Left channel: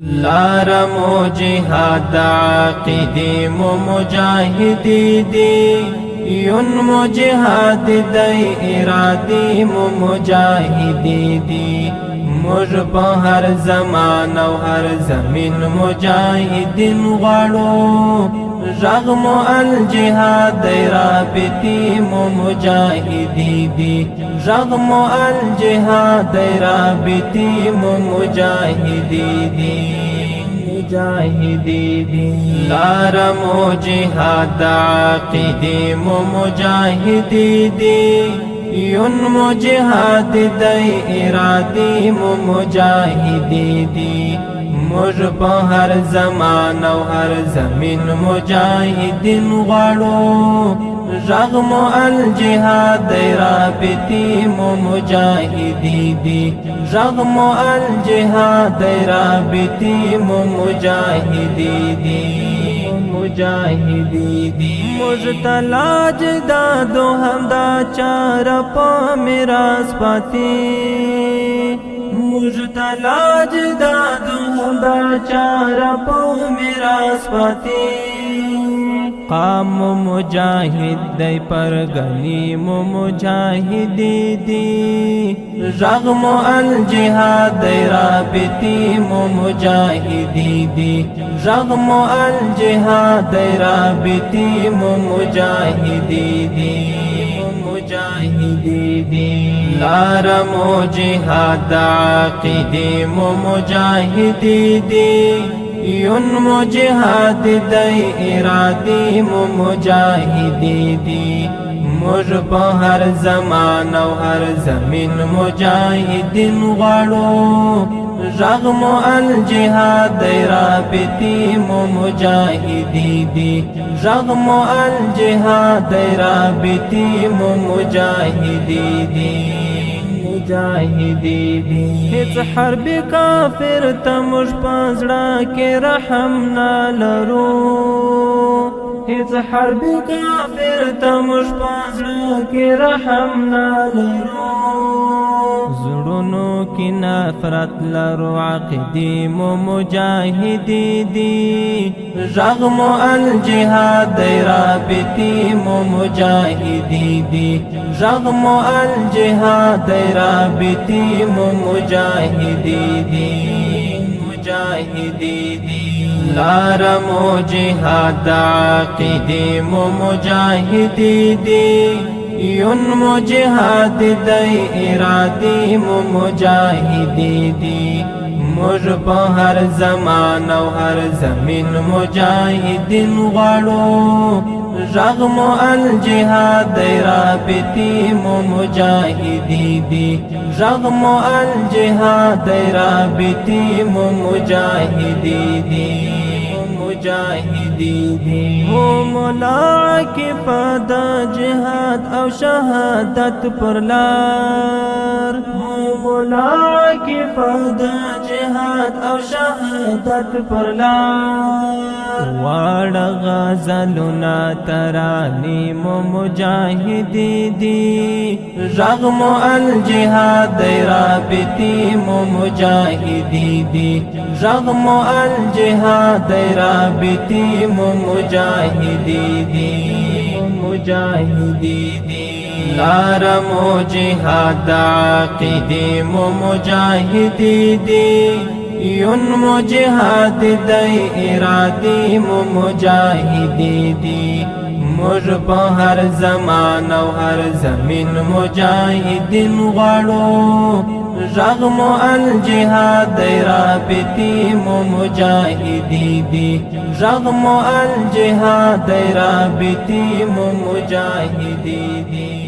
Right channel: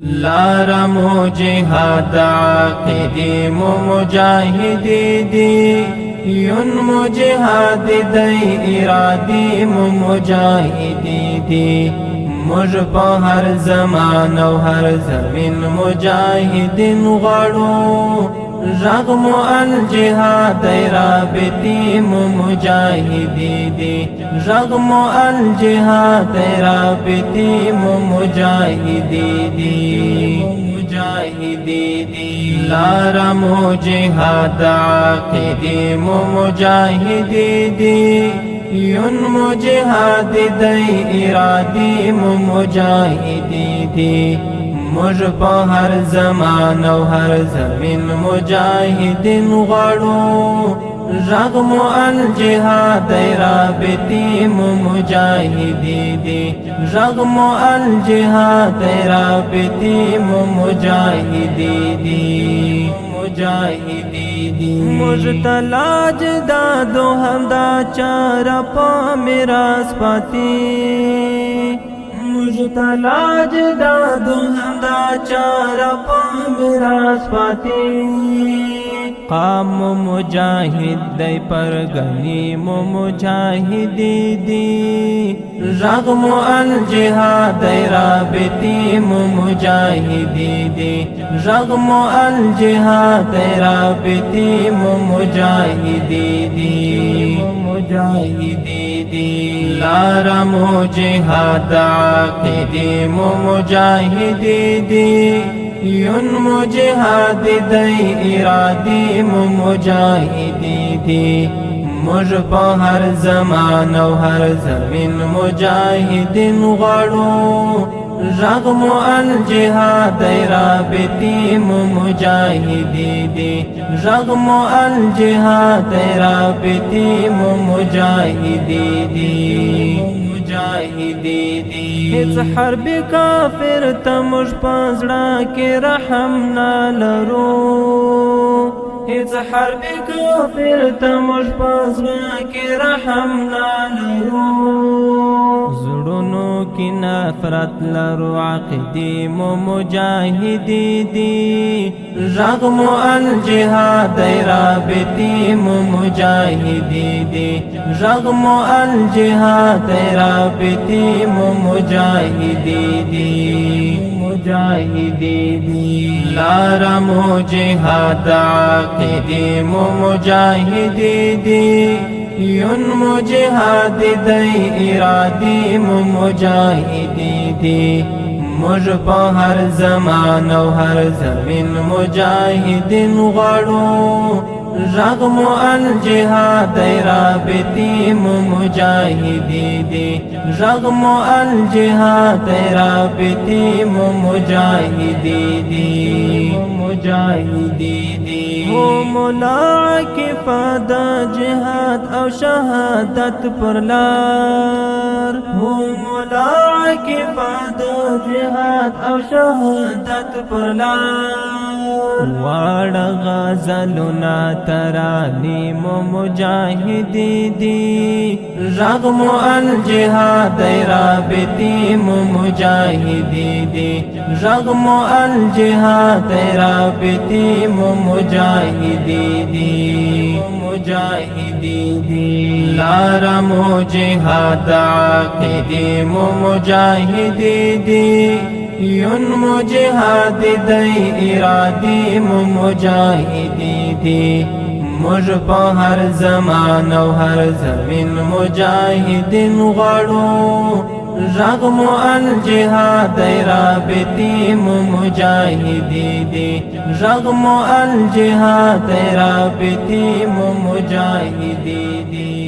لارا مو جهاد عقیدی مو مجاہدی دی یون مو جهاد دی ارادی مو مجاہدی دی مج په هر زمان او هر زمین مجاہدین غړو رغم الجهاد رابطی مو مجاہدی دی رغم الجهاد رابطی مو مجاہدی دی مجاہدی دی لارا مو جهاد عقیدی مو مجاہدی دی یون مو جهاد دی ارادی مو مجاہدی دی مج په هر زمان او هر زمین مجاہدین غړو رغم الجهاد رابطی مو مجاہدی دی رغم الجهاد رابطی مو مجاہدی دی مجاہدی دی مجتلاج دادو ہمدا چارا پا میراث پاتی مجتلاج دادو ہمدا چارا پا میراث پاتی قام مجاہد دی پر غنیم مجاہدی دی رغم الجهاد رابطی مجاہدی دی رغم الجهاد رابطی مجاہدی دی مجاہدی دی لارا مو جهاد عقیدی مجاہدی دی یون مو جهاد دی ارادی مو مجاہدی دی مج په هر زمان او هر زمین مجاہدین غړو رغم الجهاد رابطی مو مجاہدی دی رغم الجهاد رابطی مو مجاہدی دی مجاہدی دی هیڅ حرب کافر ته موږ پزړه کې رحم نه لرو هیڅ حرب کافر ته موږ پزړه کې رحم نه لرو زړونو کې نفرت لرو عقیدی مو مجاہدی دی رغم الجهاد رابطی مو مجاہدی دی رغم الجهاد رابطی مو مجاہدی دی مجاہدی دی لارا مو جهاد عقیدی مو مجاہدی دی یون مو جهاد دی ارادی مو مجاہدی دی مج په هر زمان او هر زمین مجاہدین غړو رغم الجهاد رابطی مو مجاہدی دی رغم الجهاد رابطی مو مجاہدی دی مجاہدی دی ہو مولا کی فدا جہاد او شہادت پر لار ہو مولا کی فدا جہاد او شہادت پر لار واڑ غزلنا ترانی مو مجاہدی دی رغم الجهاد رابطی مو مجاہدی دی رغم الجهاد رابطی مو مجاہدی دی مجاہدی دی لارا مو جهاد عقیدی مو مجاہدی دی یون مو جهاد دی ارادی مو مجاہدی دی مج په هر زمان او هر زمین مجاہدین غړو رغم الجهاد رابطی مو مجاہدی دی رغم الجهاد رابطی مو مجاہدی دی